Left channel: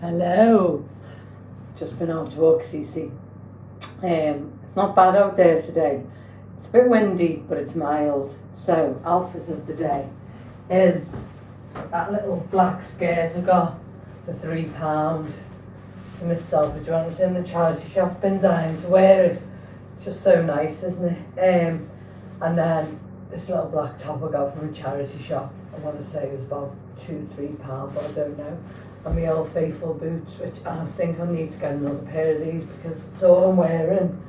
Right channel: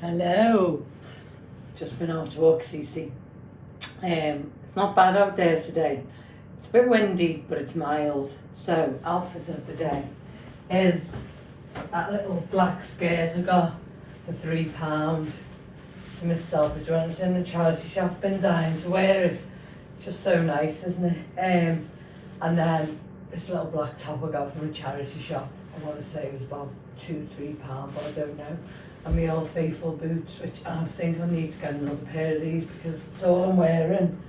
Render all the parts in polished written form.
Hello. Just been out to walk, Cece. It's not bad out there today. It's a bit windy, but it's mild. So, outfit of the day is that little black skirt I got for £3. It's a Miss Selfridge one. It's in the charity shop. Been dying to wear it. It's just so nice, isn't it? And then this little black top I got from a charity shop. I want to say it was about £2-3, but I don't know. And my Old Faithful boots, which I think I need to get another pair of these because it's all I'm wearing.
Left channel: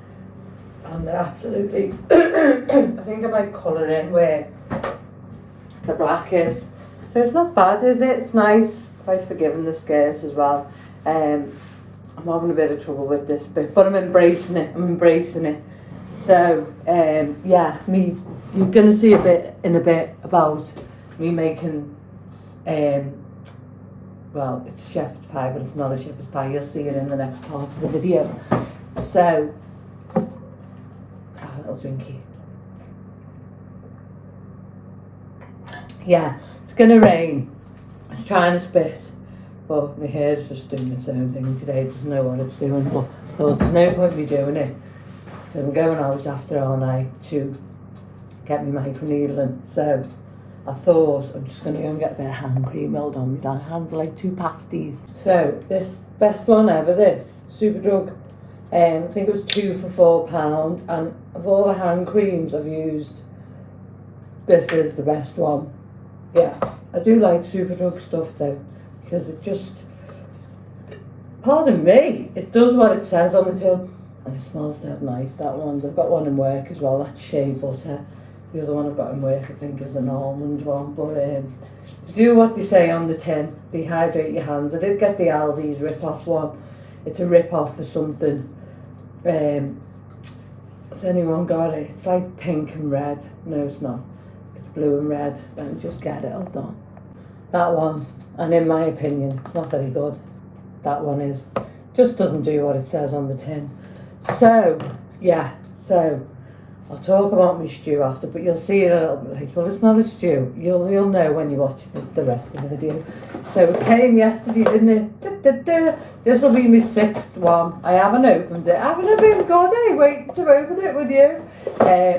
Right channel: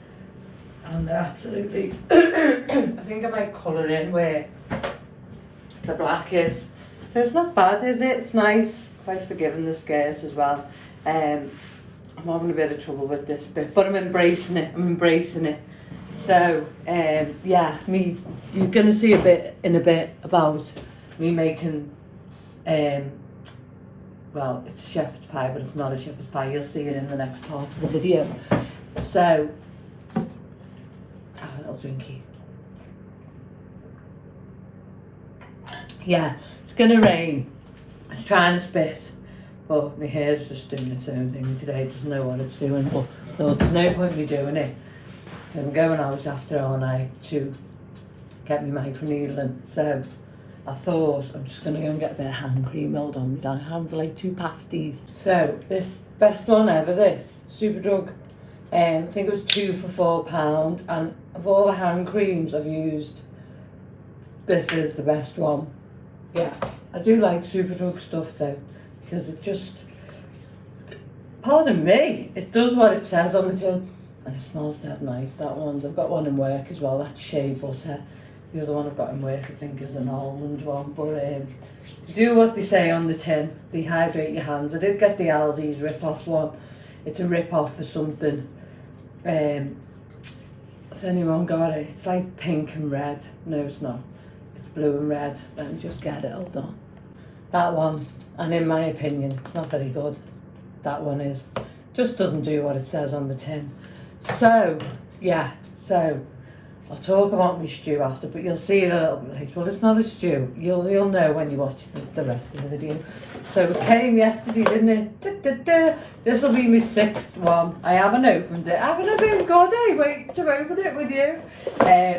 And they're absolutely, I think I might colour in where the black is. So it's not bad, is it? It's nice. Quite forgiving the skirt as well. I'm having a bit of trouble with this bit, but I'm embracing it. So, yeah, you're going to see in a bit about me making, well, it's a shepherd's pie, but it's not a shepherd's pie. You'll see it in the next part of the video. So, have a little drinky. Yeah, it's going to rain. It's trying to spit, but my hair's just doing its own thing today. It doesn't know what it's doing, but there's no point in me doing it. I'm going out after all night to get me microneedling. So I thought I'm just going to go and get a bit of hand cream held on me. My hands are like two pasties. So this best one ever, this Superdrug. I think it was 2 for £4. And of all the hand creams I've used, this is the best one. Yeah, I do like Superdrug stuff though, because it just, pardon me, it does what it says on the tin. And it smells dead nice, that one. I've got one in work as well, that's shea butter. The other one I've got in work, I think, is an almond one. But do what they say on the tin, dehydrate your hands. I did get the Aldi's rip-off one. It's a rip-off for something. Has anyone got it? It's like pink and red. No, it's not. It's blue and red. Let me just get it, hold on. That one, and in my opinion, it's not very good. That one is. Just doesn't do what it says on the tin. So, yeah, I'll talk about my stew after, but you'll see it a little bit later. Well, it's not a stew. You'll know when you watch the rest of the video. So it came yesterday, didn't it? This will be my 6th one. I haven't opened it. Haven't I been good, eh? Waiting to open it with you.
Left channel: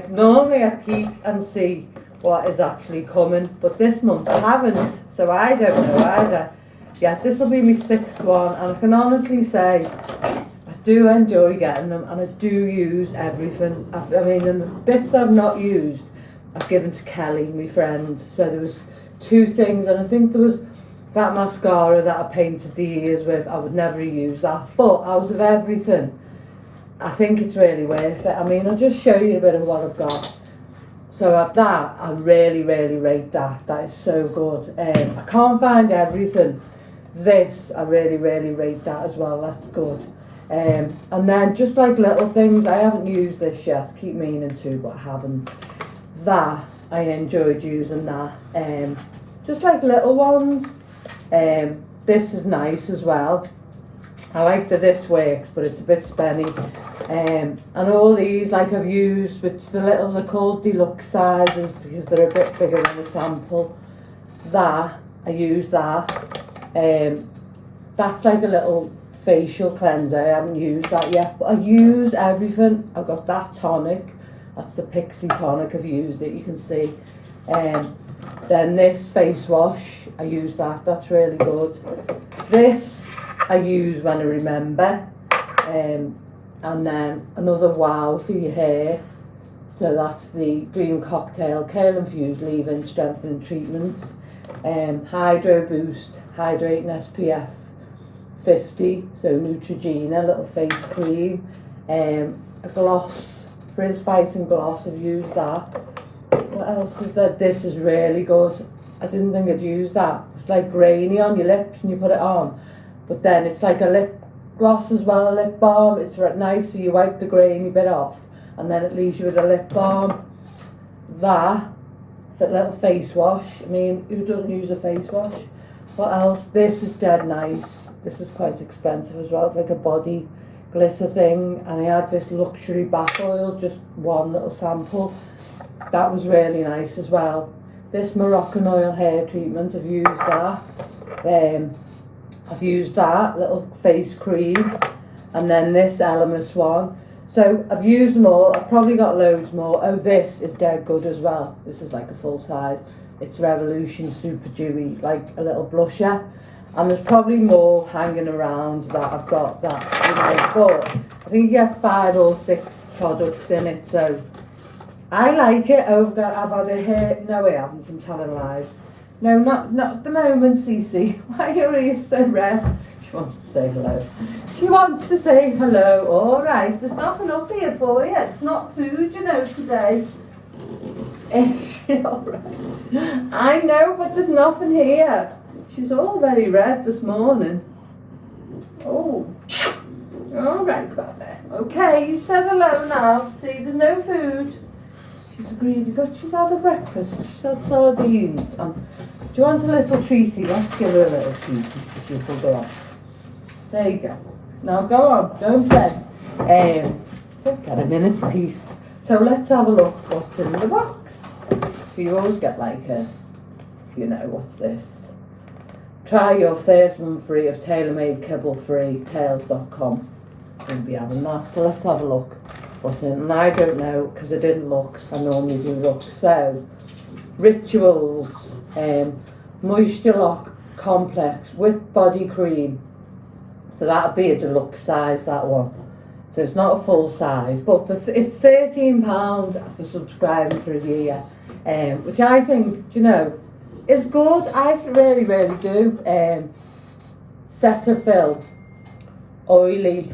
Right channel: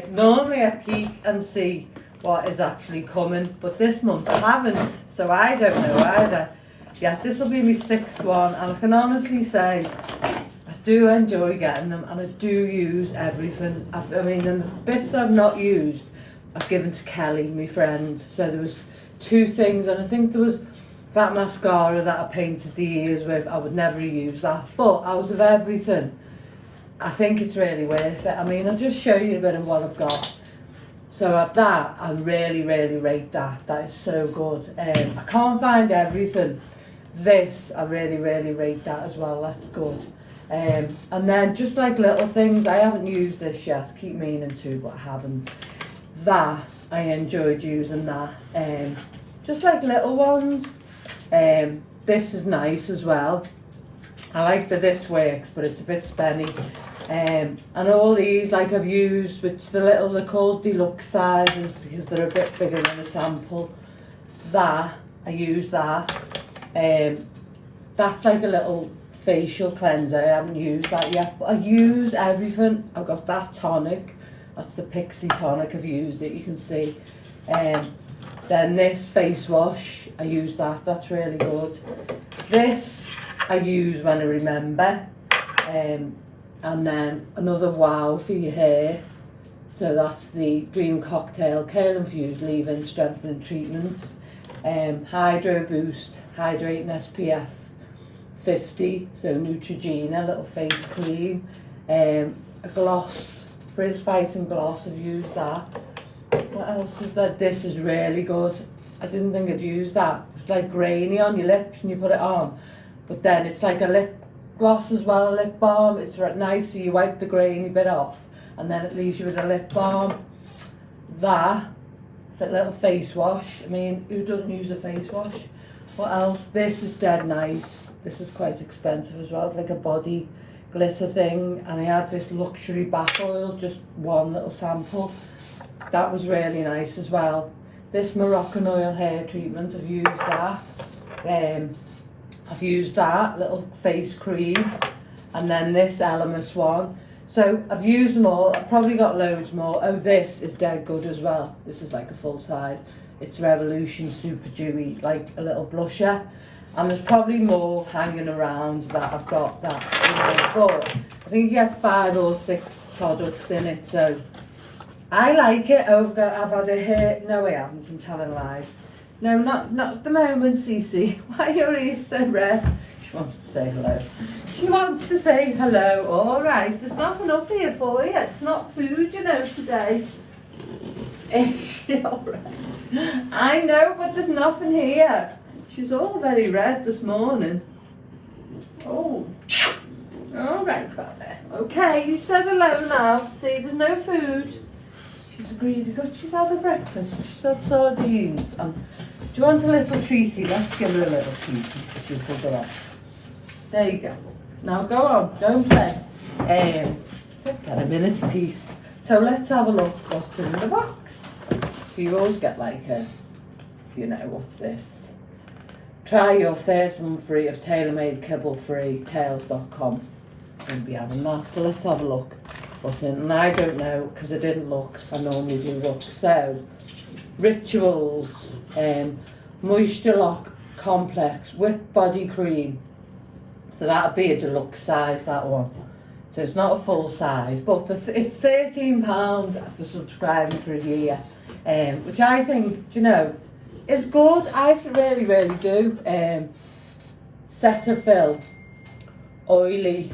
Normally I peek and see what is actually coming, but this month I haven't, so I don't know either. Yeah, this will be my 6th one, and I can honestly say I do enjoy getting them, and I do use everything. I mean, and the bits I've not used, I've given to Kelly, my friend. So there was 2 things, and I think there was that mascara that I painted the ears with. I would never use that, but out of everything, I think it's really worth it. I mean, I'll just show you a bit of what I've got. So of that, I really, really rate that. That is so good. I can't find everything. This, I really, really rate that as well. That's good. And then just like little things, I haven't used this yet. I keep meaning to, but I haven't. That, I enjoyed using that. Just like little ones. This is nice as well. I like that this works, but it's a bit spenny. And all these, like I've used, which they're called deluxe sizes because they're a bit bigger than a sample. That, I use that. That's like a little facial cleanser. I haven't used that yet, but I use everything. I've got that tonic. That's the Pixie tonic. I've used it, you can see. Then this face wash, I use that. That's really good. This I use when I remember. And then another wow for your hair. So that's the Dream Cocktail Kale Infused Leave-In Strengthening Treatments. Hydro Boost Hydrating SPF 50, so Neutrogena, little face cream. A gloss, Frizz Fighting Gloss, I've used that. What else is there? This is really good. I didn't think I'd use that. It's like grainy on your lips and you put it on. But then it's like a lip gloss as well, a lip balm. It's nice, so you wipe the grainy bit off and then it leaves you with a lip balm. That little face wash. I mean, who doesn't use a face wash? What else? This is dead nice. This is quite expensive as well. It's like a body glitter thing. And I had this luxury bath oil, just one little sample. That was really nice as well. This Moroccan oil hair treatment, I've used that. I've used that little face cream, and then this Elemis one. So I've used them all. I've probably got loads more. Oh, this is dead good as well. This is like a full size. It's Revolution Super Dewy, like a little blusher. And there's probably more hanging around that I've got that, but I think you have 5 or 6 products in it, so I like it. I've had a hair, no I haven't, I'm telling lies. No, not at the moment, Cece. Why are your ears so red? She wants to say hello. She wants to say hello. All right, there's nothing up here for you. It's not food, today. Is she all right? I know, but there's nothing here. She's all very red this morning. Oh, all right, brother. Okay, you said hello now. See, there's no food. She's agreed. Good. She's had her breakfast. She's had sardines. Do you want a little treaty? Let's give her a little treaty so she'll go off. There you go. Now go on, don't play. Get a minute's peace. So let's have a look what's in the box. So you always get like a, what's this? Try your first one free of TaylorMade Kibble Free, tails.com. We'll be having that. So let's have a look what's in. And I don't know, because I didn't look. I normally do look. So, Rituals, Moisture Lock Complex, Whipped Body Cream. So that'll be a deluxe size, that one. So it's not a full size, but it's £13 for subscribing for a year, which I think, is good. I really, really do. Cetaphil Oily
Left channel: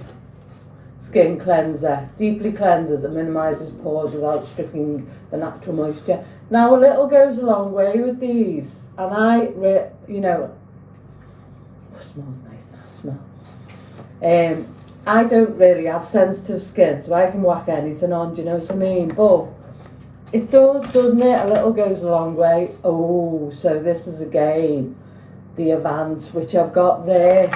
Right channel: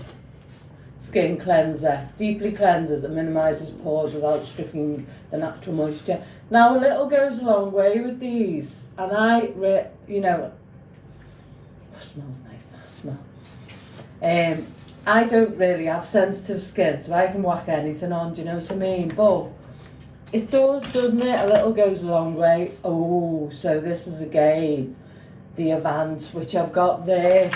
Skin Cleanser. Deeply cleanses and minimises pores without stripping the natural moisture. Now, a little goes a long way with these. And it smells nice, that smell. I don't really have sensitive skin, so I can whack anything on, do you know what I mean? But it does, doesn't it? A little goes a long way. Oh, so this is again the Avance, which I've got there,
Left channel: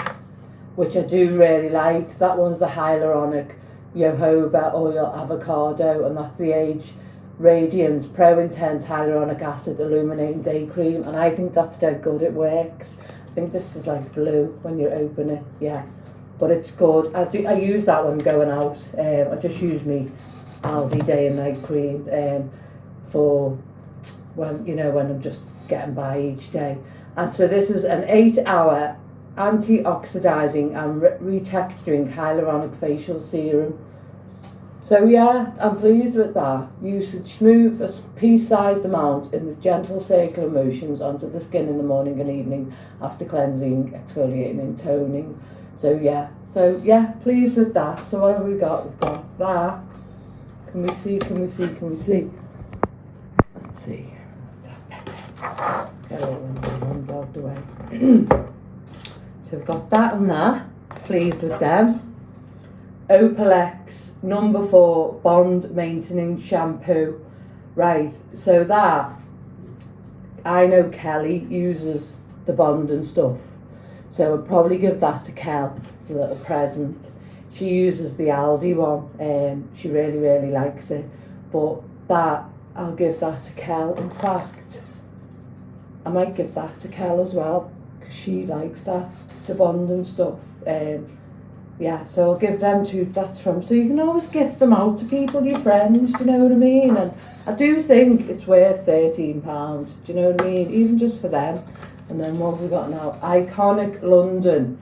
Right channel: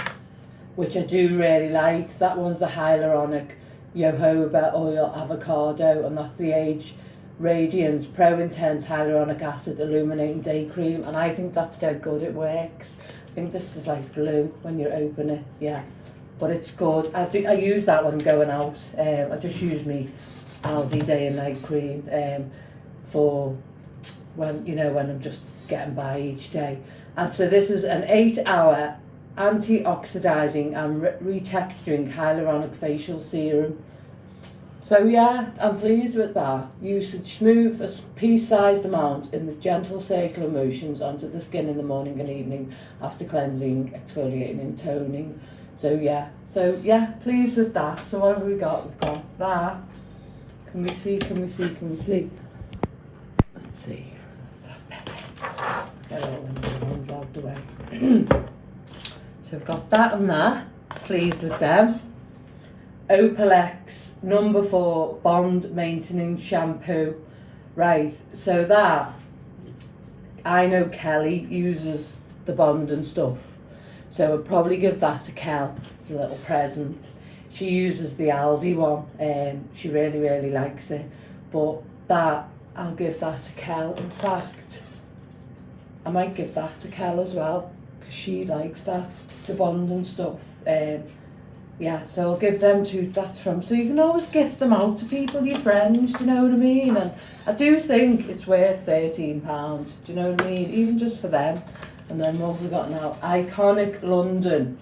which I do really like. That one's the Hyaluronic Jojoba Oil Avocado, and that's the Age Radiant Pro Intense Hyaluronic Acid Illuminating Day Cream, and I think that's dead good. It works. I think this is like blue when you open it, yeah. But it's good. I use that when I'm going out. I just use me Aldi Day and Night Cream for when I'm just getting by each day. And so this is an 8-hour anti-oxidizing and retexturing hyaluronic facial serum. So yeah, I'm pleased with that. Usage: smooth a pea-sized amount in the gentle circular motions onto the skin in the morning and evening after cleansing, exfoliating and toning. So yeah, pleased with that. So what have we got? We've got that. Can we see? Let's see. Let's get all them ones out the way. So we've got that and that. Pleased with them. Opalex number 4 Bond Maintaining Shampoo. Right, so that, I know Kelly uses the Bond and stuff. So I'd probably give that to Kel as a little present. She uses the Aldi one, she really, really likes it. But that, I'll give that to Kel. In fact, I might give that to Kel as well, because she likes that, the Bond and stuff. Yeah, so I'll give them to, that's from, so you can always gift them out to people, your friends, do you know what I mean? And I do think it's worth £13, do you know what I mean? Even just for them. And then what have we got now? Iconic London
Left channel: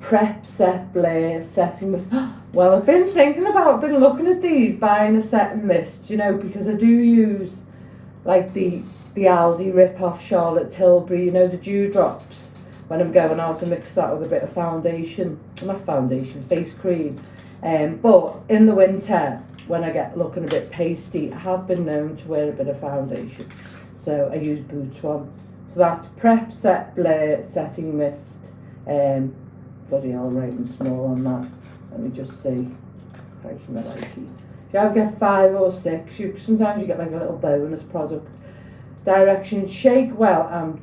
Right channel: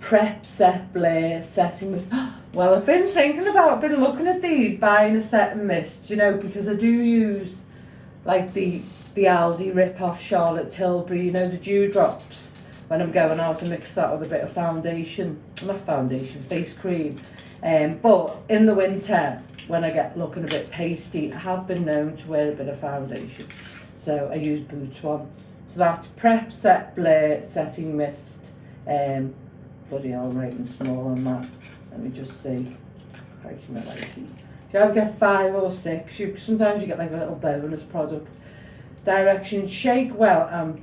Prep Set Blair Setting Mist. Well, I've been looking at these, buying a setting mist, because I do use like the Aldi rip-off Charlotte Tilbury, the dewdrops, when I'm going out to mix that with a bit of face cream. But in the winter, when I get looking a bit pasty, I have been known to wear a bit of foundation. So I use Boots one. So that's Prep Set Blair Setting Mist. Bloody hell, I'm writing small on that. Let me just see. You either get 5 or 6. Sometimes you get like a little bonus product. Directions: shake well and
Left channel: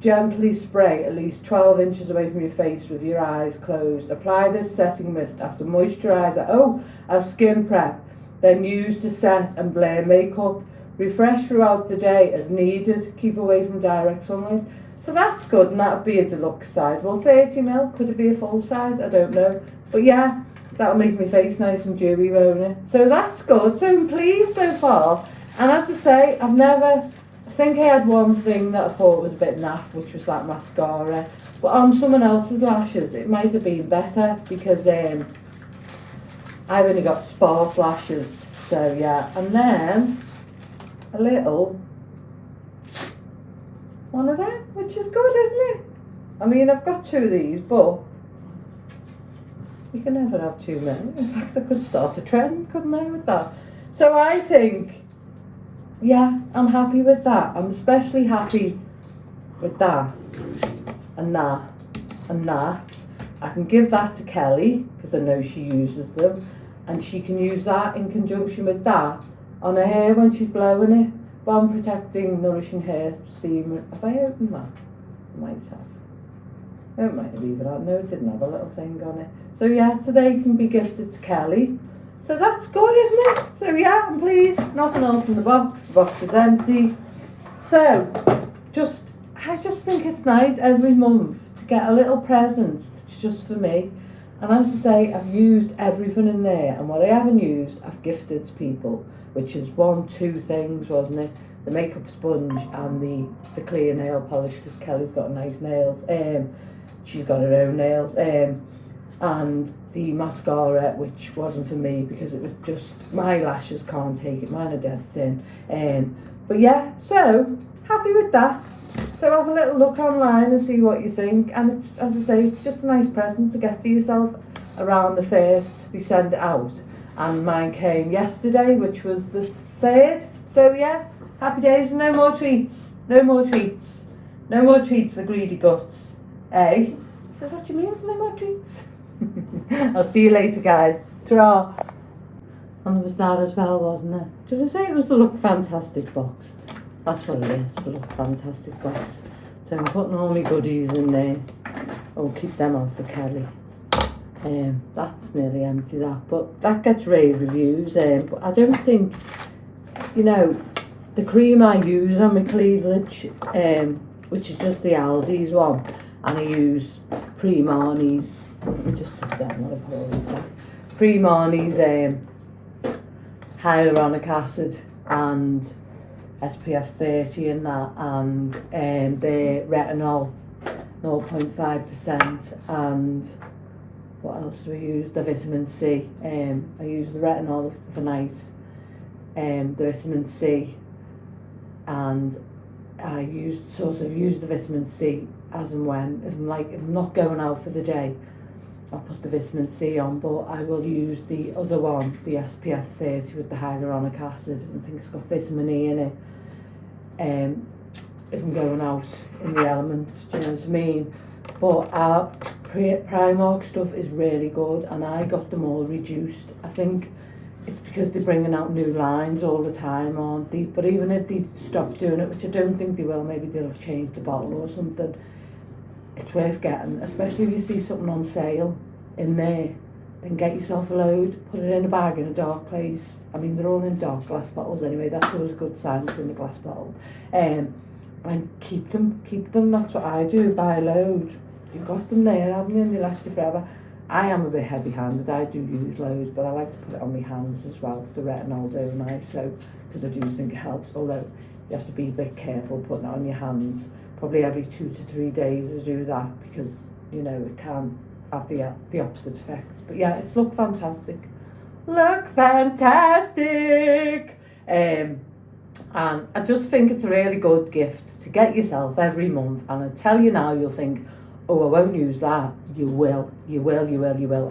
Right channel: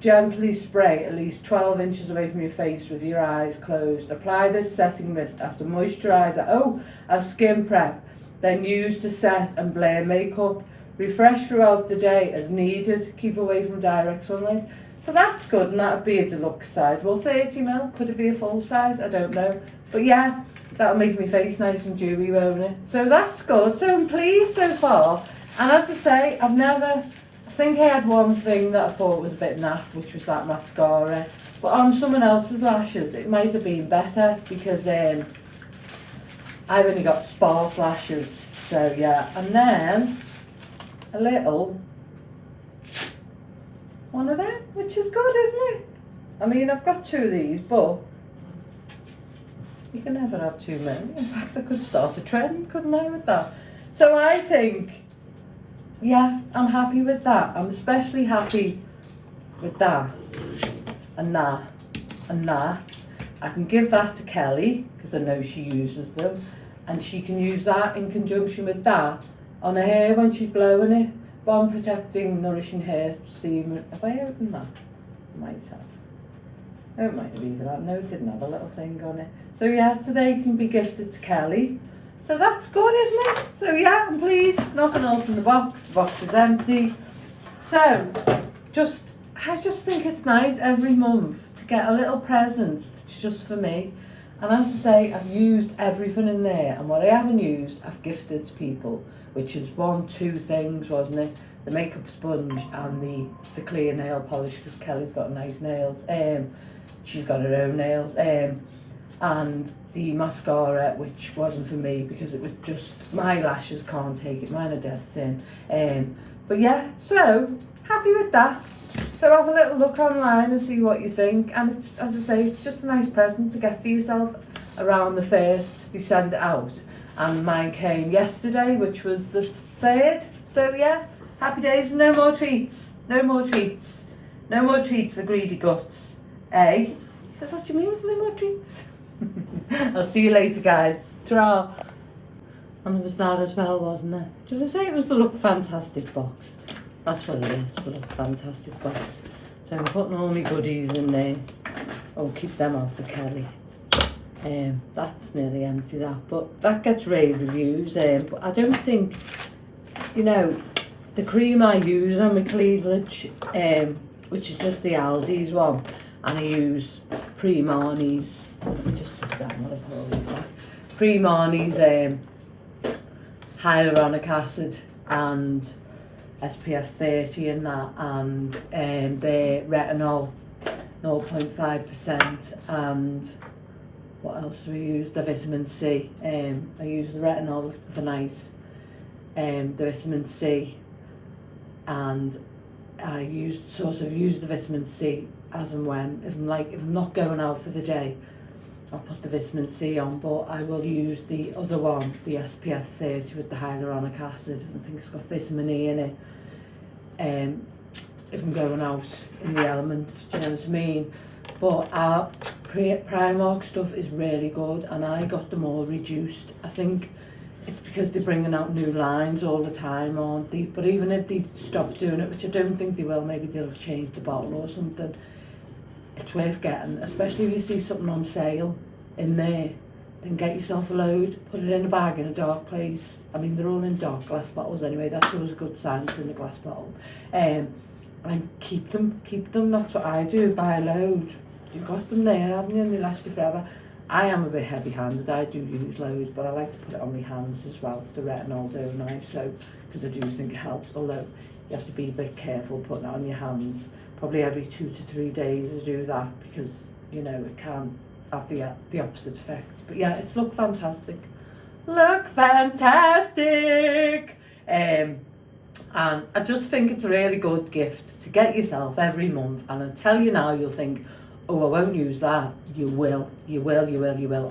gently spray at least 12 inches away from your face with your eyes closed. Apply this setting mist after moisturiser as skin prep, then use to set and blur makeup. Refresh throughout the day as needed. Keep away from direct sunlight. So that's good, and that would be a deluxe size. Well, 30ml, could it be a full size? I don't know. But yeah, that'll make my face nice and dewy, won't it? So that's good. So I'm pleased so far. And as I say, I think I had one thing that I thought was a bit naff, which was that mascara. But on someone else's lashes, it might have been better because I've only got sparse lashes. So yeah, and then a little one of them, which is good, isn't it? I mean, I've got two of these, but you can never have too many. In fact, I could start a trend, couldn't I, with that? So I think, yeah, I'm happy with that. I'm especially happy with that and that and that. I can give that to Kelly because I know she uses them, and she can use that in conjunction with that on her hair when she's blowing it. Bomb protecting, nourishing hair steam. Have I opened that? I might have. It might have even had. No, it didn't have a little thing on it. So yeah, so they can be gifted to Kelly. So that's good, isn't it? So yeah, I'm pleased. Nothing else in the box. The box is empty. So, I just think it's nice every month to get a little present. It's just for me. And as I say, I've used everything in there. And what I haven't used, I've gifted to people. Which is 2 things, wasn't it? The makeup sponge and the clear nail polish, because Kelly's got nice nails. She's got her own nails. And the mascara, which wasn't for me because it was just, my lashes can't take it, mine are dead thin. But yeah, so happy with that. So have a little look online and see what you think. And it's, as I say, it's just a nice present to get for yourself around the 1st. They send it out. And mine came yesterday, which was the 3rd. So yeah, happy days. No more treats. No more treats. No more treats for greedy guts. Eh? Is that what you mean? No more treats. I'll see you later, guys. Ta-ra. And there was that as well, wasn't there? Did I say it was the Look Fantastic box? That's what it is, the Look Fantastic box. So I'm putting all my goodies in there. I'll keep them on for Kelly. That's nearly empty, that, but that gets rave reviews. But I don't think, the cream I use on my cleavage, which is just the Aldi's one, and I use Pre-Marnie's. Let me just sit down while I put all these back. Pre-Marnie's hyaluronic acid and SPF 30 and that, and their retinol 0.5%, and what else do I use? The vitamin C. I use the retinol for nice, the vitamin C, and I use the vitamin C as and when. If I'm not going out for the day, I'll put the vitamin C on, but I will use the other one, the SPF 30 with the hyaluronic acid. I think it's got vitamin E in it. If I'm going out in the elements, do you know what I mean? But Primark stuff is really good, and I got them all reduced. I think it's because they're bringing out new lines all the time, aren't they? But even if they stop doing it, which I don't think they will, maybe they'll have changed the bottle or something, it's worth getting, especially if you see something on sale in there. Then get yourself a load, put it in a bag in a dark place. I mean, they're all in dark glass bottles anyway, that's always a good sign it's in the glass bottle. And keep them, that's what I do, buy a load. You've got them there, haven't you, and they last you forever. I am a bit heavy-handed, I do use loads, but I like to put it on my hands as well, the retinol's overnight, so, because I do think it helps, although you have to be a bit careful putting it on your hands. Probably every 2 to 3 days I do that, because, it can have the opposite effect. But yeah, it's Look Fantastic. Look Fantastic! And I just think it's a really good gift to get yourself every month, and I tell you now, you'll think, oh, I won't use that. You will.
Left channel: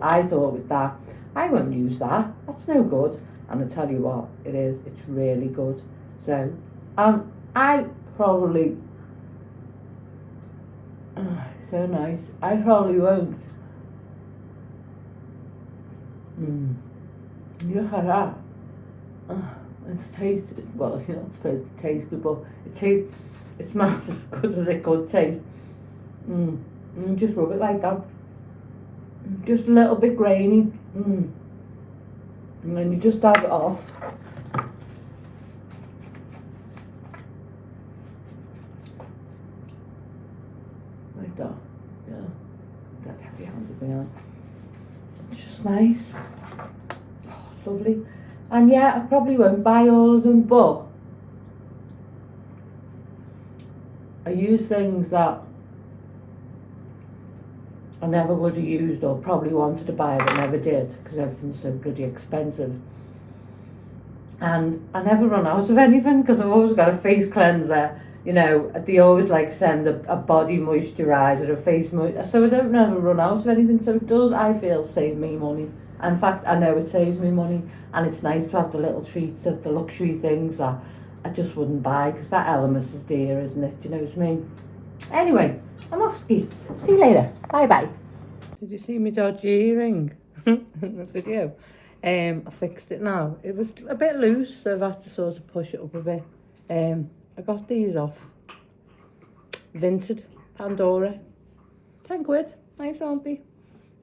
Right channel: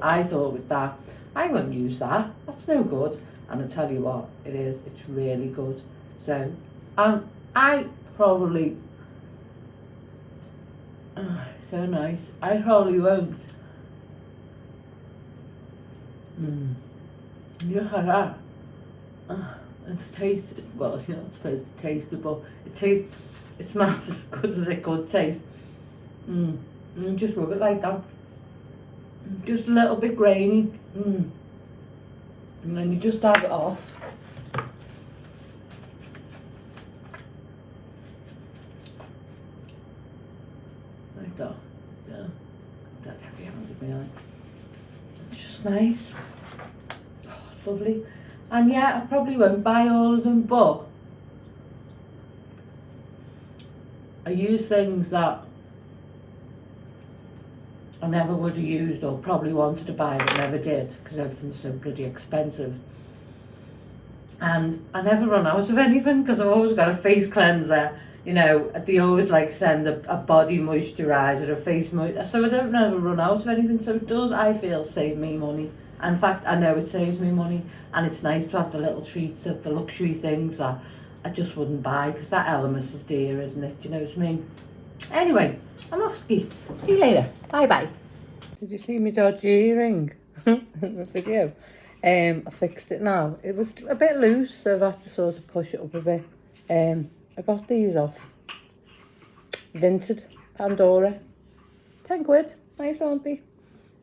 I thought with that, I won't use that. That's no good. And I tell you what, it is. It's really good. So, I probably, so nice. I probably won't. Look at that. And the taste, well, you're not supposed to taste it, but it smells as good as it could taste. And just rub it like that. Just a little bit grainy. And then you just dab it off. heavy handed me on. It's just nice. Oh, it's lovely. And yeah, I probably won't buy all of them, but I use things that I never would have used or probably wanted to buy but never did because everything's so bloody expensive. And I never run out of anything because I've always got a face cleanser. You know, they always like send a body moisturiser, a face moisturiser, so I don't never run out of anything. So it does, I feel, save me money. In fact, I know it saves me money, and it's nice to have the little treats of the luxury things that I just wouldn't buy because that Elemis is dear, isn't it? Do you know what I mean? Anyway, I'm off ski. See you later. Bye bye. Did you see me dodgy earring? The video. I fixed it now. It was a bit loose, so I've had to sort of push it up a bit. I got these off Vinted Pandora. 10 quid. Nice, aren't they?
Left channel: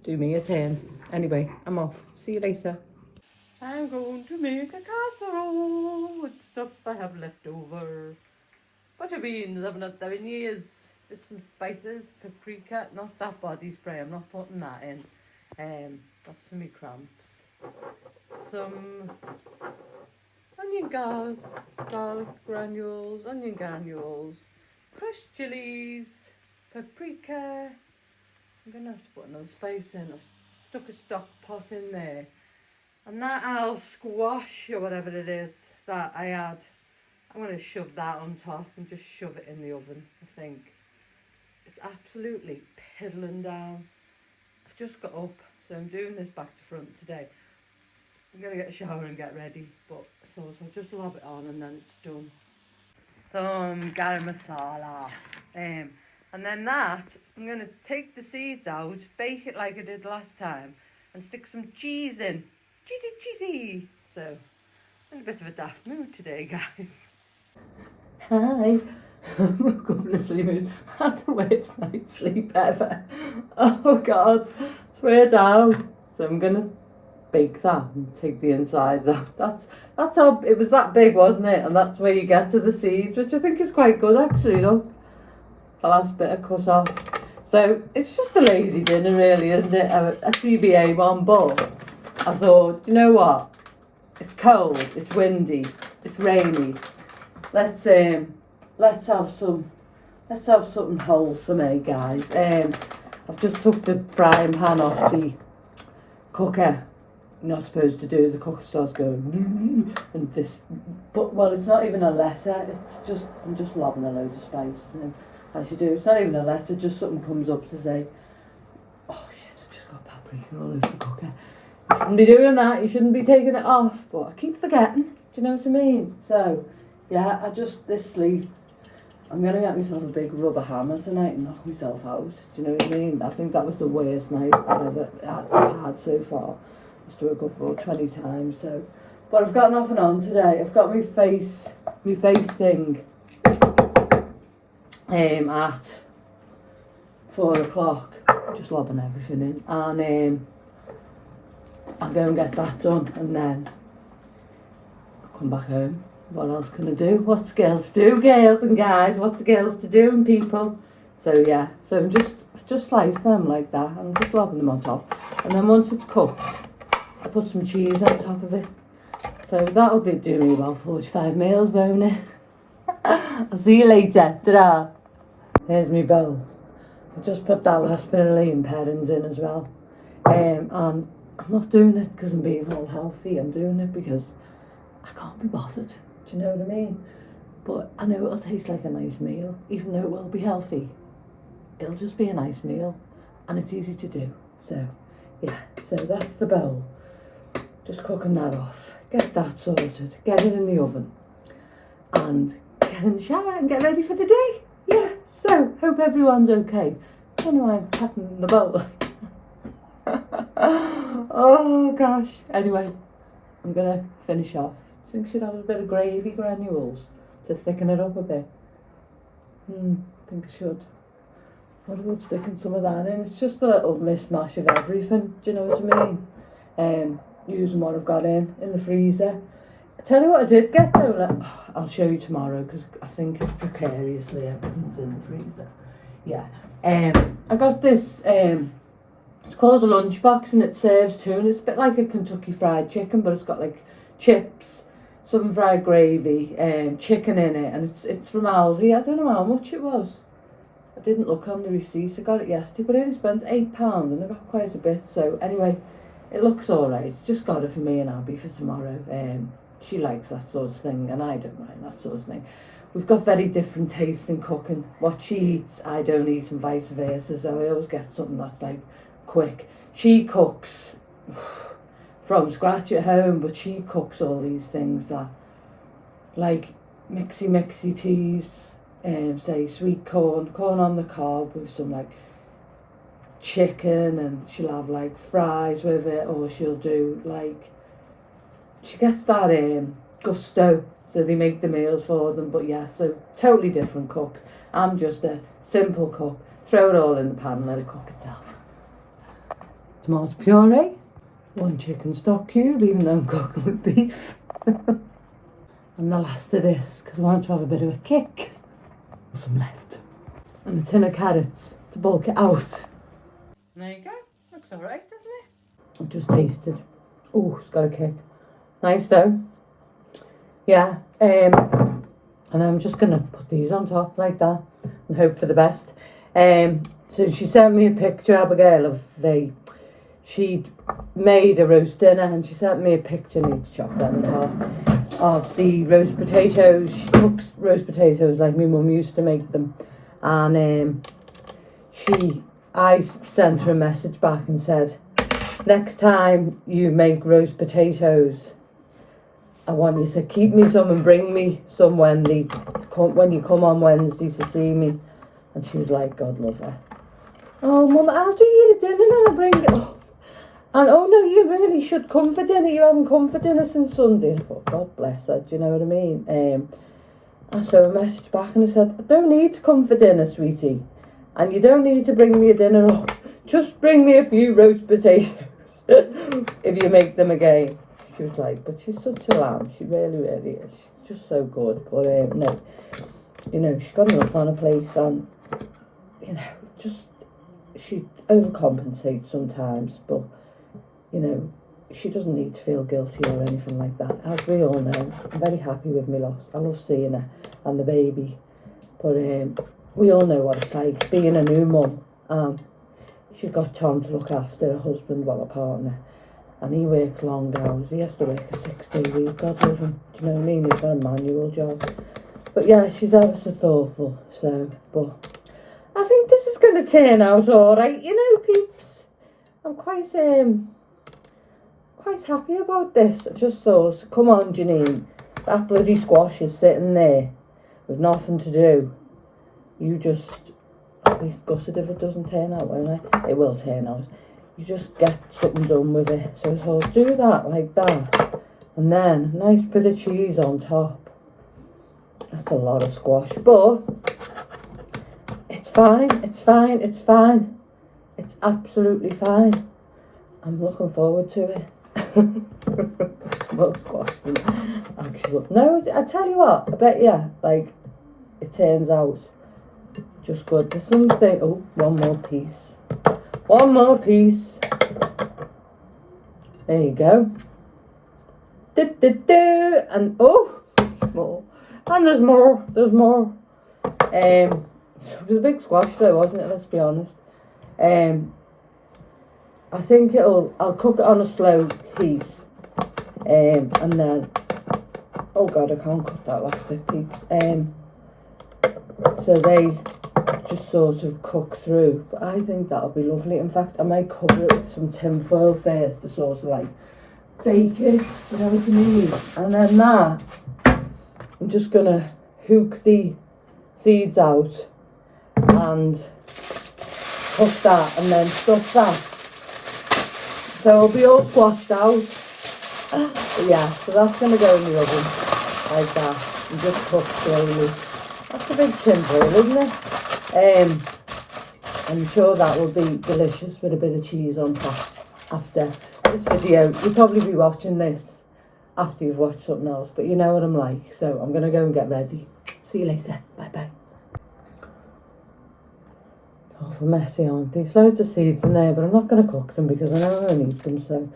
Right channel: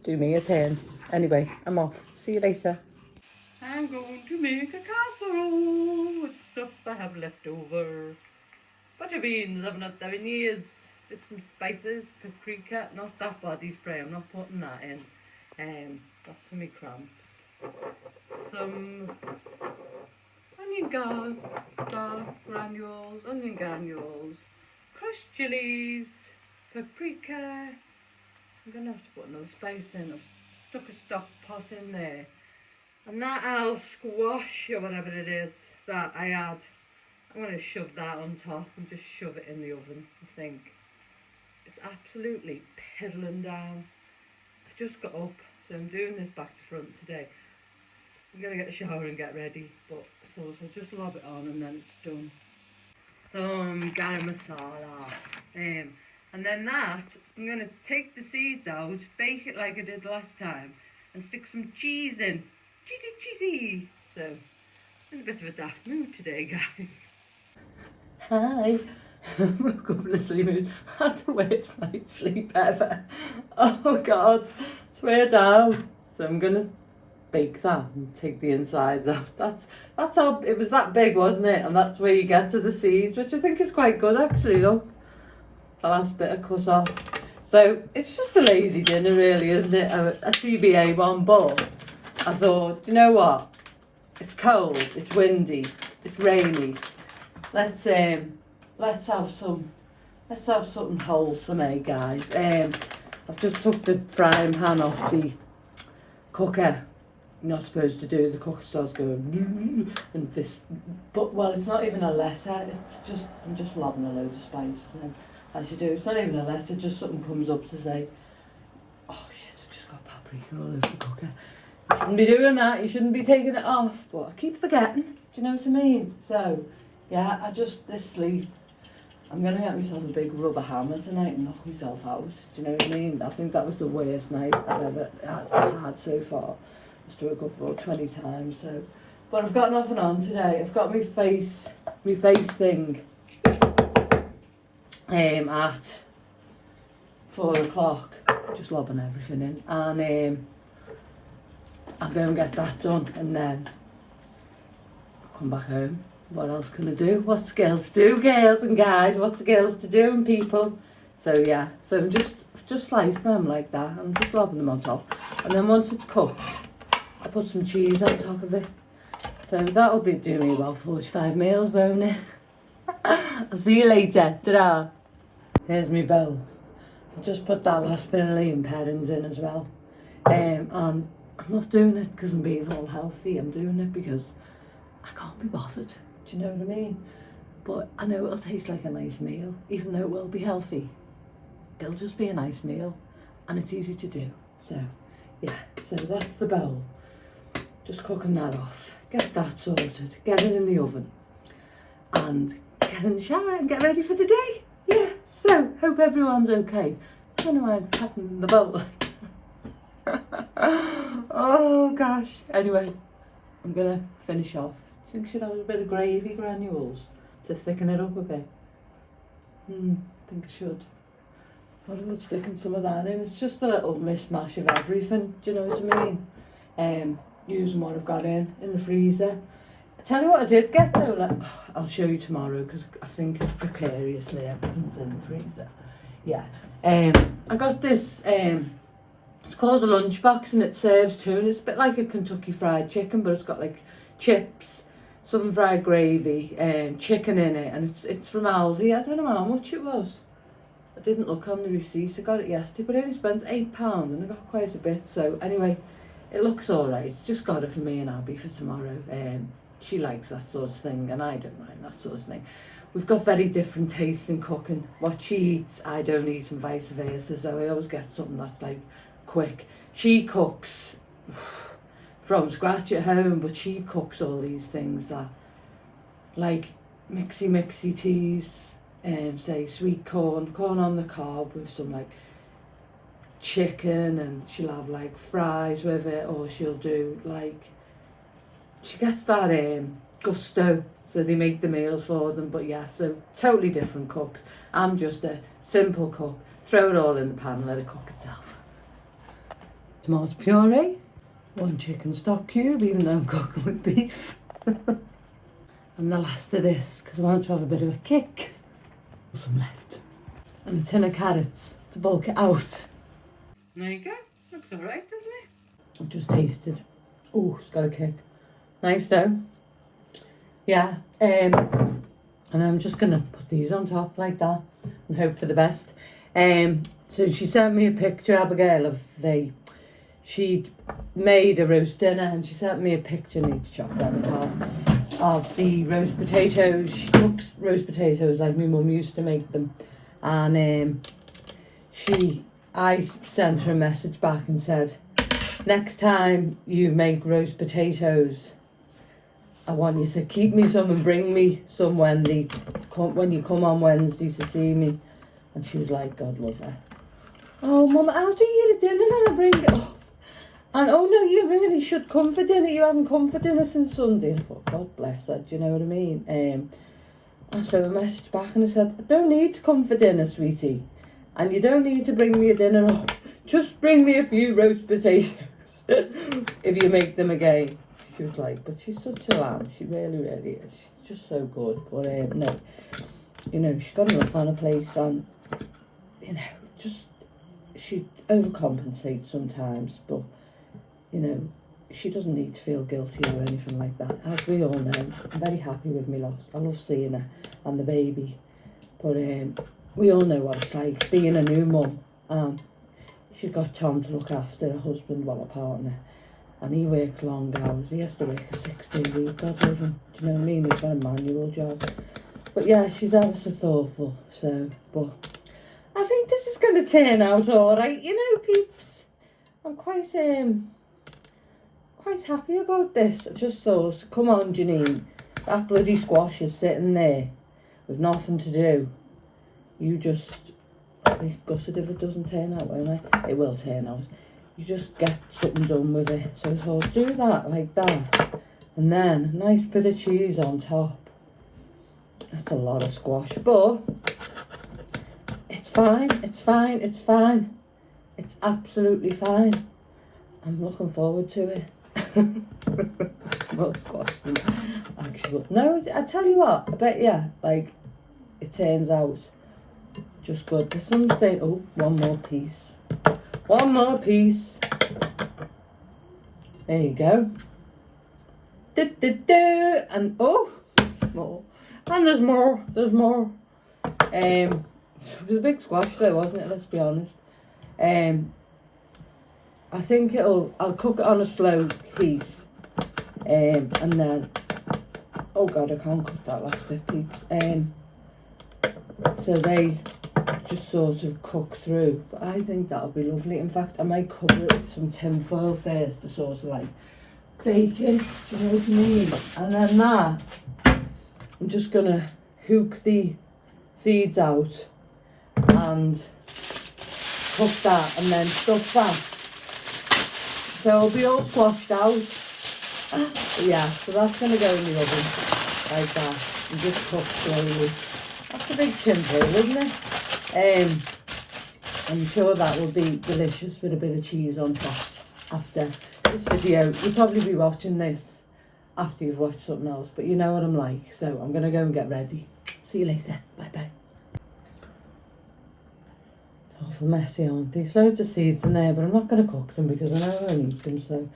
Do me a turn. Anyway, I'm off. See you later. I'm going to make a casserole with stuff I have left over. Butter beans, I've not done in years. Just some spices, paprika, not that body spray, I'm not putting that in. Got some meat cramps. Some garlic granules, onion granules, crushed chilies, paprika. I'm going to have to put another spice in. I've stuck a stock pot in there. And that I'll squash, or whatever it is that I add, I'm going to shove that on top and just shove it in the oven, I think. It's absolutely piddling down. I've just got up, so I'm doing this back to front today. I'm going to get a shower and get ready, but I thought I'll just lob it on and then it's done. Some garam masala. And then that, I'm going to take the seeds out, bake it like I did last time, and stick some cheese in. Cheesy. So, I'm in a bit of a daft mood today, guys. Hi. I'm couple of sleeping. I had the worst night's sleep ever. Oh God. Swear down. So I'm going to bake that and take the insides off. That's how, it was that big, wasn't it? And that's where you get to the seeds, which I think is quite good actually, look. The last bit I cut off. So it's just a lazy dinner really, isn't it? A CBA one, but I thought, you know what? It's cold, it's windy, it's rainy. Let's have something wholesome, eh guys? I've just took the frying pan off the cooker. You're not supposed to do, the cooker starts going and this, but well, it's not even a letter, it's just, I'm just lobbing a load of spices in, as you do. It's not even a letter, just something comes up to say, oh shit, I've just got paprika all over the cooker. You shouldn't be doing that, you shouldn't be taking it off, but I keep forgetting, do you know what I mean? So, yeah, this sleep, I'm going to get myself a big rubber hammer tonight and knock myself out, do you know what I mean? I think that was the worst night I've ever had so far. I woke up about 20 times, so. But I've got nothing on today. I've got my face thing at 4 o'clock, just lobbing everything in, and I'll go and get that done, and then I'll come back home. What else can I do? What's girls do, girls and guys? What's girls to do and people? So yeah, so I'm just slice them like that. I'm just lobbing them on top, and then once it's cooked, I put some cheese on top of it. So that'll be doing me about 45 meals, won't it? I'll see you later. Ta-da. Here's my bowl. I just put that last bit of lean parents in as well. And I'm not doing it because I'm being all healthy. I'm doing it because I can't be bothered. Do you know what I mean? But I know it'll taste like a nice meal, even though it will be healthy. It'll just be a nice meal, and it's easy to do. So, yeah. So that's the bowl. Just cooking that off. Get that sorted. Get it in the oven. And get in the shower and get ready for the day. Yeah. So, hope everyone's okay. I don't know why I'm patting the bowl. Oh, gosh. Anyway, I'm going to finish off. I think I should have a bit of gravy granules to thicken it up a bit. I think I should. What about sticking some of that in? It's just a little mishmash of everything. Do you know what I mean? Using what I've got in the freezer. I tell you what I did get though. I'll show you tomorrow because I think it's precariously everything's in the freezer. Yeah. I got this It's called a lunchbox and it serves tuna. It's a bit like a Kentucky Fried Chicken, but it's got like chips, southern fried gravy, chicken in it, and it's from Aldi. I don't know how much it was. I didn't look on the receipts. I got it yesterday, but I only spent £8 and I got quite a bit. So anyway, it looks alright. Just got it for me and Abby for tomorrow. She likes that sort of thing and I don't mind that sort of thing. We've got very different tastes in cooking. What she eats, I don't eat, and vice versa. So I always get something that's like quick. She cooks from scratch at home, but she cooks all these things that, like mixy teas, say sweet corn on the cob with some like chicken, and she'll have like fries with it, or she'll do like, she gets that gusto, so they make the meals for them. But yeah, so totally different cooks. I'm just a simple cook. Throw it all in the pan and let it cook itself. Tomato puree, 1 chicken stock cube, even though I'm cooking with beef. And the last of this, because I want to have a bit of a kick. Some left. And a tin of carrots to bulk it out. There you go. Looks alright, doesn't it? I've just tasted. Oh, it's got a kick. Nice though. Yeah. And I'm just going to put these on top like that and hope for the best. So she sent me a picture, Abigail, of she'd made a roast dinner, and she sent me a picture, I need to chop them in half, of the roast potatoes. She cooks roast potatoes like my mum used to make them. And I sent her a message back and said, next time you make roast potatoes, I want you to keep me some and bring me some when you come on Wednesday to see me. And she was like, God love her. Oh, Mum, I'll do you the dinner and I'll bring it. Oh. And oh no, you really should come for dinner. You haven't come for dinner since Sunday. I thought, God bless her, do you know what I mean? I sent a message back and I said, I don't need to come for dinner, sweetie. And you don't need to bring me a dinner. Oh, just bring me a few roast potatoes if you make them again. She was like, but she's such a lamb. She really is. She's just so good. But no, you know, she's got enough on her plate, and you know, just she overcompensates sometimes, but you know, she doesn't need to feel guilty or anything like that. As we all know, I'm very happy with my loss. I love seeing her and the baby, but we all know what it's like being a new mum. She's got Tom to look after, her husband, well, a partner, and he works long hours. He has to work a 6-day week. God love him. Do you know what I mean? He's got a manual job. But yeah, she's ever so thoughtful. So, but I think this is going to turn out all right. You know, peeps, I'm quite happy about this. I just thought, come on, Janine, that bloody squash is sitting there with nothing to do. You just, I'll be gutted if it doesn't turn out, won't I? It will turn out. You just get something done with it. So I thought, do that like that, and then a nice bit of cheese on top. That's a lot of squash, but it's fine. It's absolutely fine. I'm looking forward to it. It's more squash than actual. No, I tell you what, I bet you, like, it turns out just good. There's something. Oh, one more piece. There you go. And oh, there's more. And there's more. It was a big squash though, wasn't it? Let's be honest. I think I'll cook it on a slow heat. And then, oh God, I can't cook that last bit, peeps. So they just sort of cook through. But I think that'll be lovely. In fact, I might cover it with some tin foil first to sort of like bake it, you know what I mean? And then that, I'm just gonna hook the seeds out and cook that and then stuff that. So it'll be all squashed out. But yeah, so that's gonna go in the oven like that and just cook slowly. That's a big tin foil, isn't it? I'm sure that will be delicious with a bit of cheese on top after this video. You'll probably be watching this after you've watched something else, but you know what I'm like. So I'm going to go and get ready. See you later. Bye bye. awful messy, aren't they? There's loads of seeds in there, but I'm not going to cook them because I know I won't eat them, so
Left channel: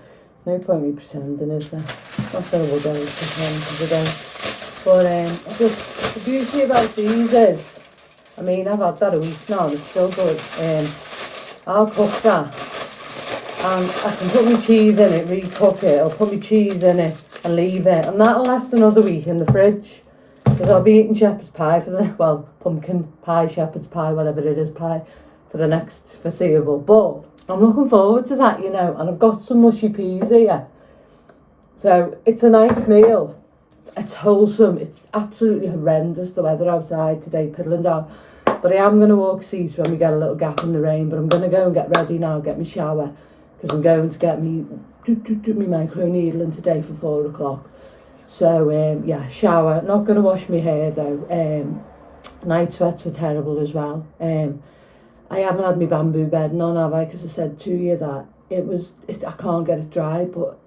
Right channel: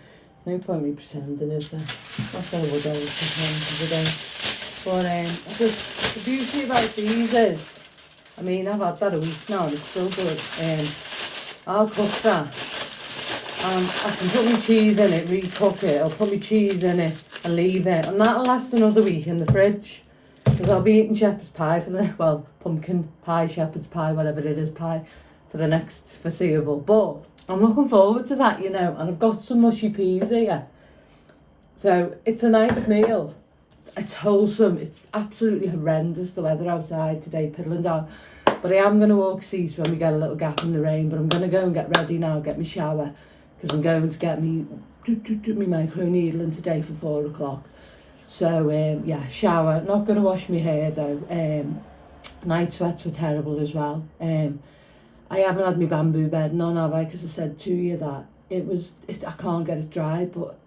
no point me pretending, is there? Not that I will go today. But just the beauty about these is, I mean, I've had that a week now and it's still good. I'll cook that and I can put my cheese in it, recook it, or put my cheese in it and leave it, and that'll last another week in the fridge. Because I'll be eating shepherd's pie for the, well, pumpkin pie, shepherd's pie, whatever it is, pie, for the next foreseeable. But I'm looking forward to that, you know, and I've got some mushy peas here. So it's a nice meal. It's wholesome. It's absolutely horrendous, the weather outside today, piddling down. But I am going to walk Cease when we get a little gap in the rain. But I'm going to go and get ready now, get my shower, because I'm going to get me micro needling today for 4 o'clock. So, yeah, shower. Not going to wash my hair, though. Night sweats were terrible as well. I haven't had my bamboo bed on, have I? Because I said to you that I can't get it dry, but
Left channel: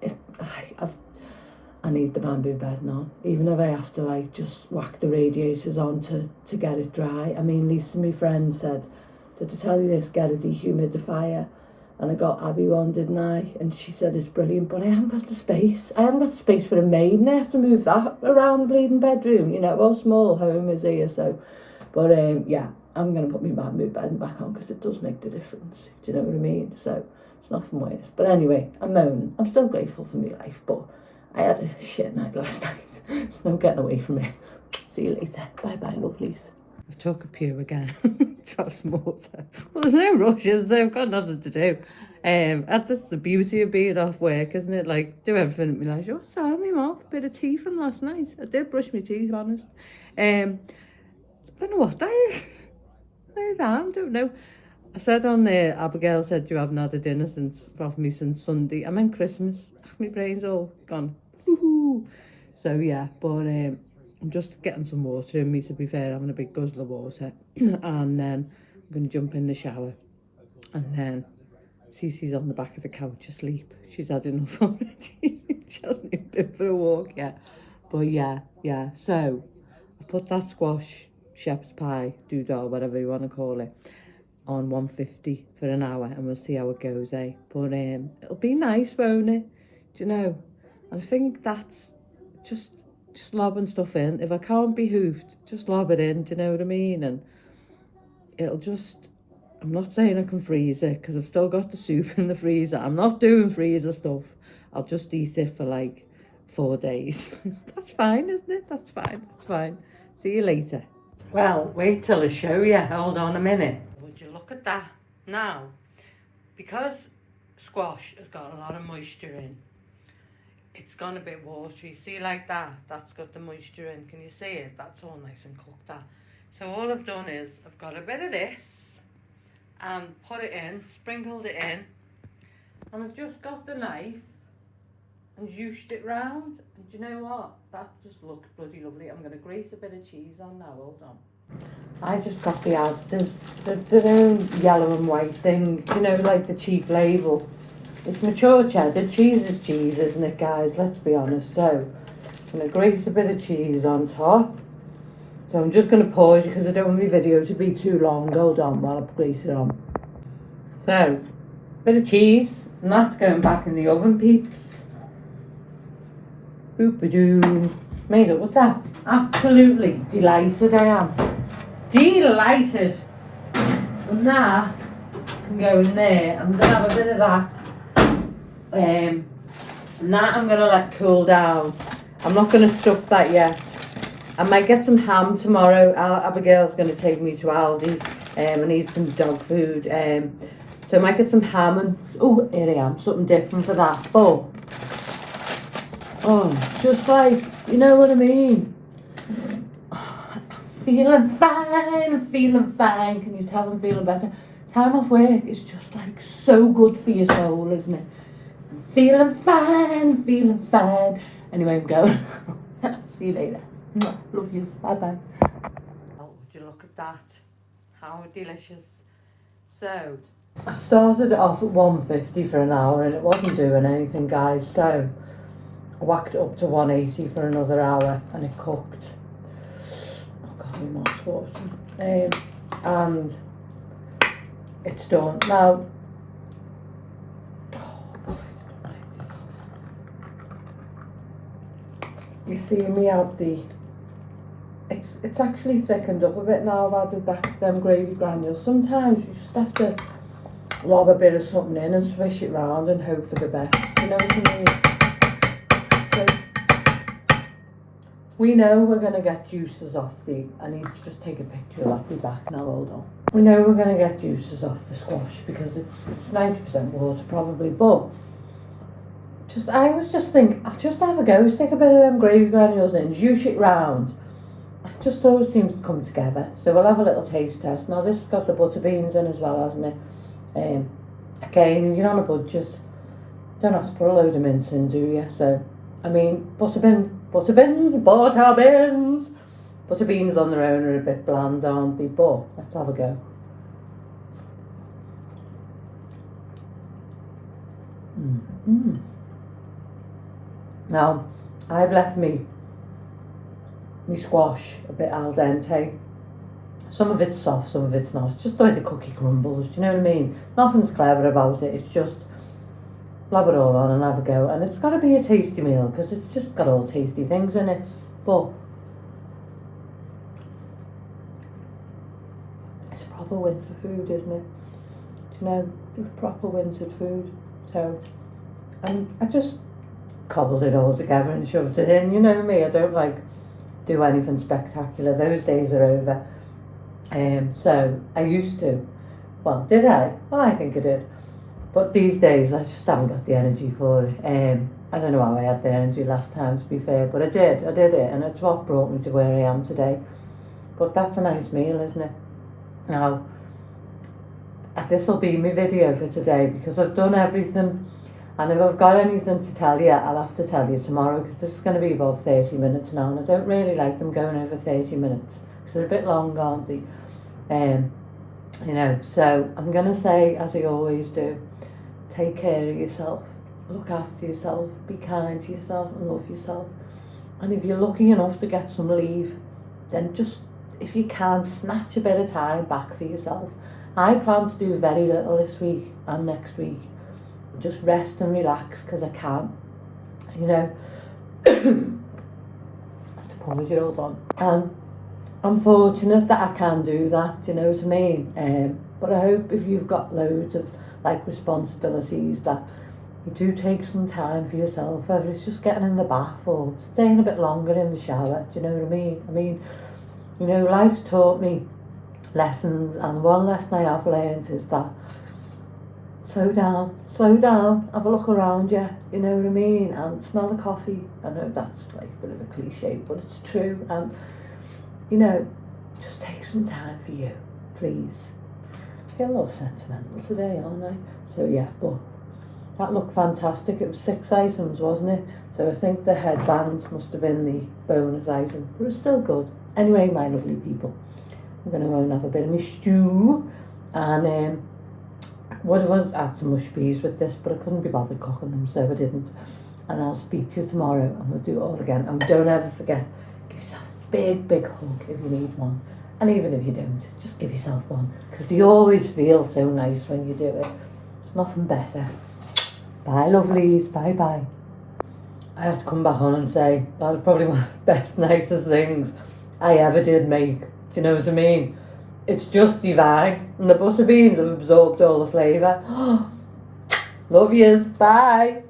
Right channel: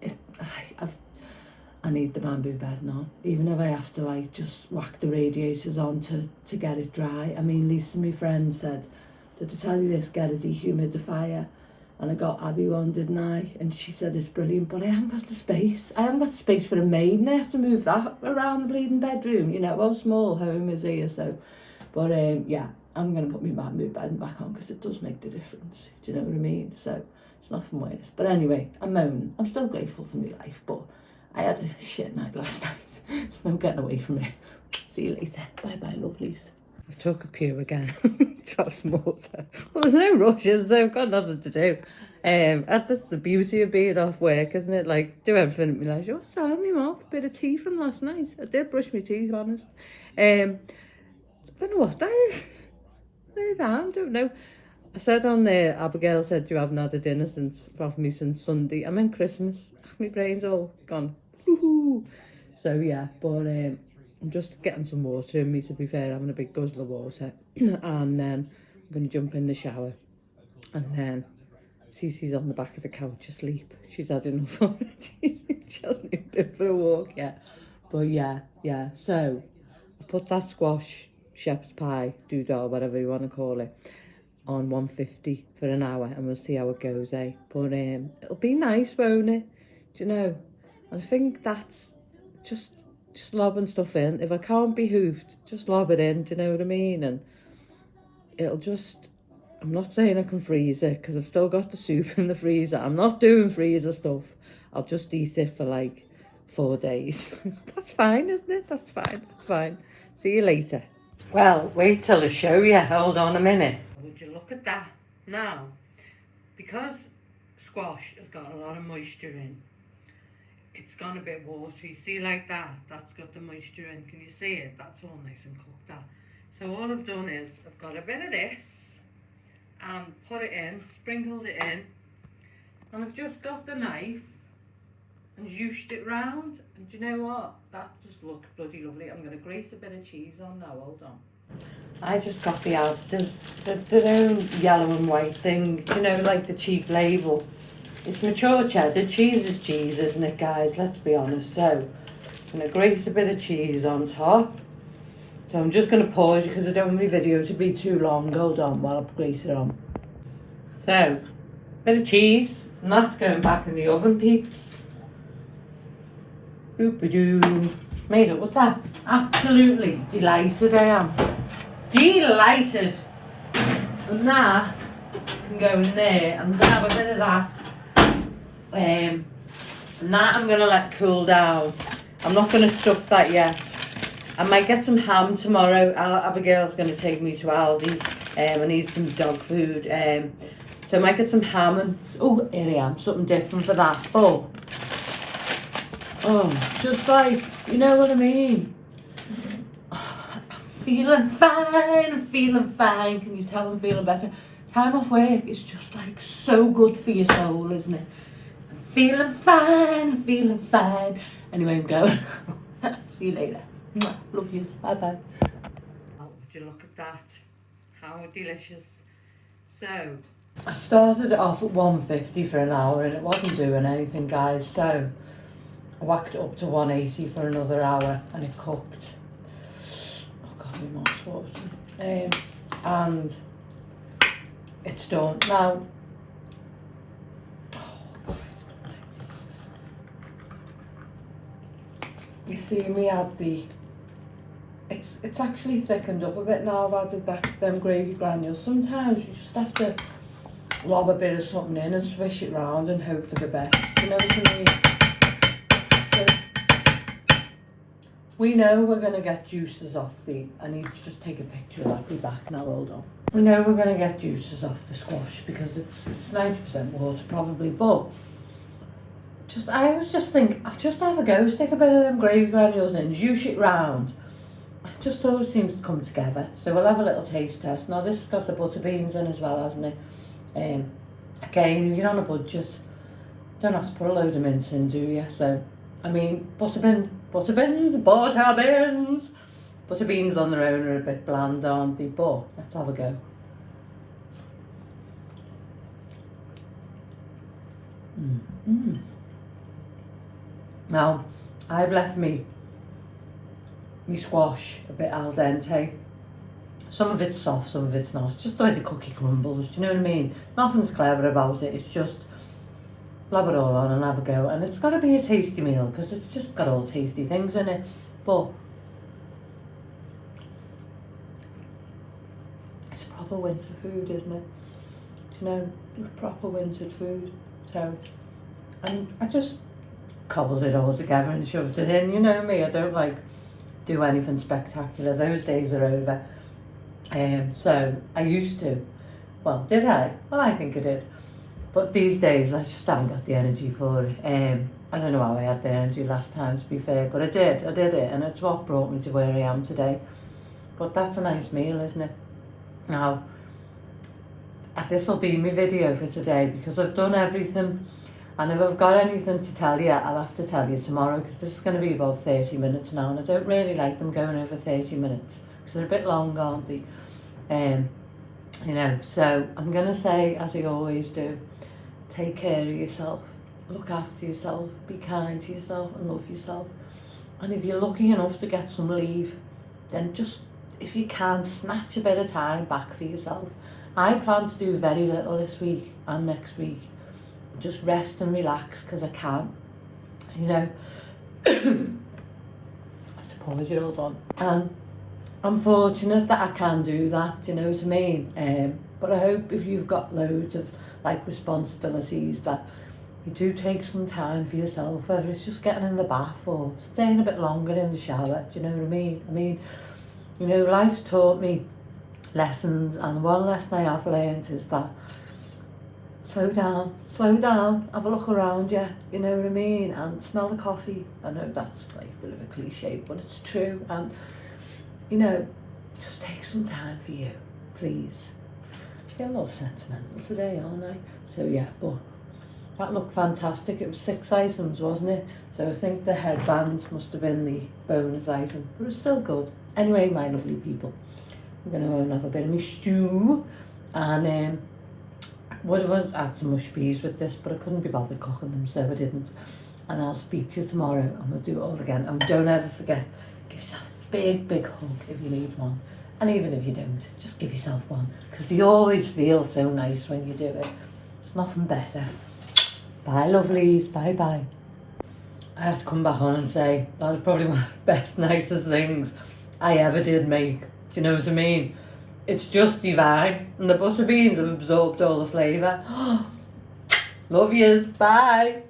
I need the bamboo bed now. Even if I have to, like, just whack the radiators on to get it dry. I mean, Lisa, my friend, said, did I tell you this? Get a dehumidifier. And I got Abby one, didn't I? And she said it's brilliant, but I haven't got the space. I haven't got the space for a maid, and I have to move that around the bleeding bedroom. You know, well, small home is here, so. But, yeah, I'm going to put my bamboo bed back on because it does make the difference. Do you know what I mean? So, it's nothing worse. But anyway, I'm moaning. I'm still grateful for my life, but I had a shit night last night. There's no getting away from it. See you later. Bye-bye, lovelies. I've took a pew again to have some water. Well, there's no rushes, they've got nothing to do. That's the beauty of being off work, isn't it? Like, do everything at my leisure. Oh, sorry, my mouth, bit of tea from last night. I did brush my teeth, honest. I don't know what that is. I don't know. I said on there, Abigail said you haven't had a dinner from me since Sunday. I meant Christmas. My brain's all gone. Woohoo! So, yeah, but I'm just getting some water in me, to be fair, having a big guzzle of water. And then I'm going to jump in the shower. And then Cece's on the back of the couch asleep. She's had enough already. She hasn't even been for a walk yet. But yeah. So I put that squash, shepherd's pie, doodah, whatever you want to call it, on 150 for an hour. And we'll see how it goes, eh? But it'll be nice, won't it? Do you know? And I think that's just lobbing stuff in. If I can't be hoofed, just lob it in, do you know what I mean? And it'll just, I'm not saying I can freeze it because I've still got the soup in the freezer. I'm not doing freezer stuff. I'll just eat it for like 4 days. That's fine, isn't it? That's fine. See you later. Well, wait till I show you. Hold on a minute. Would you look at that? Now, because squash has got a lot of moisture in, it's gone a bit watery. See, like that? That's got the moisture in. Can you see it? That's all nice and cooked, that. So all I've done is I've got a bit of this and put it in, sprinkled it in, and I've just got the knife and zhooshed it round. And do you know what? That just looks bloody lovely. I'm going to grate a bit of cheese on now. Hold on. I just got the Asda's, their own yellow and white thing, you know, like the cheap label. It's mature cheddar. Cheese is cheese, isn't it, guys? Let's be honest. So, I'm going to grate a bit of cheese on top. So I'm just going to pause because I don't want my video to be too long. Hold on while I grate it on. So, bit of cheese. And that's going back in the oven, peeps. Boop-a-doo. Made up with that. Absolutely delighted I am. Delighted. And that can go in there. I'm going to have a bit of that. And that I'm going to let cool down. I'm not going to stuff that yet. I might get some ham tomorrow. Abigail's going to take me to Aldi. I need some dog food. So I might get some ham and, oh, here I am, something different for that. But, just like, you know what I mean? Feeling fine. Can you tell I'm feeling better? Time off work is just like so good for your soul, isn't it? Feeling fine. Anyway, I'm going. See you later. Love you. Bye-bye. Oh, would you look at that? How delicious. So, I started it off at 150 for an hour and it wasn't doing anything, guys. So, I whacked it up to 180 for another hour and it cooked. Oh God, my mouth's watering. And it's done. Now, you see me add the, it's actually thickened up a bit now. I've added them gravy granules. Sometimes you just have to lob a bit of something in and swish it round and hope for the best. You know what I mean? So, we know we're going to get juices off the, I need to just take a picture of that, be back now, hold on. We know we're going to get juices off the squash because it's 90% water probably, but I was just thinking, I'll just have a go, stick a bit of them gravy granules in, juice it round. It just always seems to come together. So we'll have a little taste test. Now this has got the butter beans in as well, hasn't it? Again, if you're on a budget, don't have to put a load of mince in, do you? So, I mean, butter beans on their own are a bit bland, aren't they? But let's have a go. Now, I've left me squash a bit al dente. Some of it's soft, some of it's not. It's just the way the cookie crumbles, do you know what I mean? Nothing's clever about it, it's just lob it all on and have a go. And it's got to be a tasty meal, because it's just got all tasty things in it. But it's proper winter food, isn't it? Do you know, proper winter food. So, and I just cobbled it all together and shoved it in. You know me, I don't like do anything spectacular. Those days are over. So I used to. Well, did I? Well, I think I did. But these days I just haven't got the energy for it. I don't know how I had the energy last time, to be fair, but I did it, and it's what brought me to where I am today. But that's a nice meal, isn't it? Now, this will be my video for today, because I've done everything. And if I've got anything to tell you, I'll have to tell you tomorrow, because this is going to be about 30 minutes now, and I don't really like them going over 30 minutes, because they're a bit long, aren't they? You know, so I'm going to say, as I always do, take care of yourself, look after yourself, be kind to yourself and love yourself. And if you're lucky enough to get some leave, then just, if you can, snatch a bit of time back for yourself. I plan to do very little this week and next week. Just rest and relax, because I can. You know, I have to pause it, hold on. And I'm fortunate that I can do that, you know what I mean? But I hope if you've got loads of like responsibilities, that you do take some time for yourself, whether it's just getting in the bath or staying a bit longer in the shower, do you know what I mean? I mean, you know, life's taught me lessons, and one lesson I have learned is that slow down, have a look around you, you know what I mean, and smell the coffee. I know that's like a bit of a cliche, but it's true. And you know, just take some time for you, please. Get a little sentimental today, aren't I? So yeah, but that looked fantastic. It was 6 items, wasn't it? So I think the headband must have been the bonus item, but it was still good. Anyway, my lovely people, I'm going to go and have a bit of my stew, and would have had some mush peas with this, but I couldn't be bothered cooking them, so I didn't. And I'll speak to you tomorrow, and we'll do it all again. And don't ever forget, give yourself a big hug if you need one. And even if you don't, just give yourself one, because they always feel so nice when you do it. There's nothing better. Bye, lovelies. Bye. I have to come back on and say, that was probably one of the best, nicest things I ever did make. Do you know what I mean? It's just divine. And the butter beans have absorbed all the flavour. Love yous. Bye.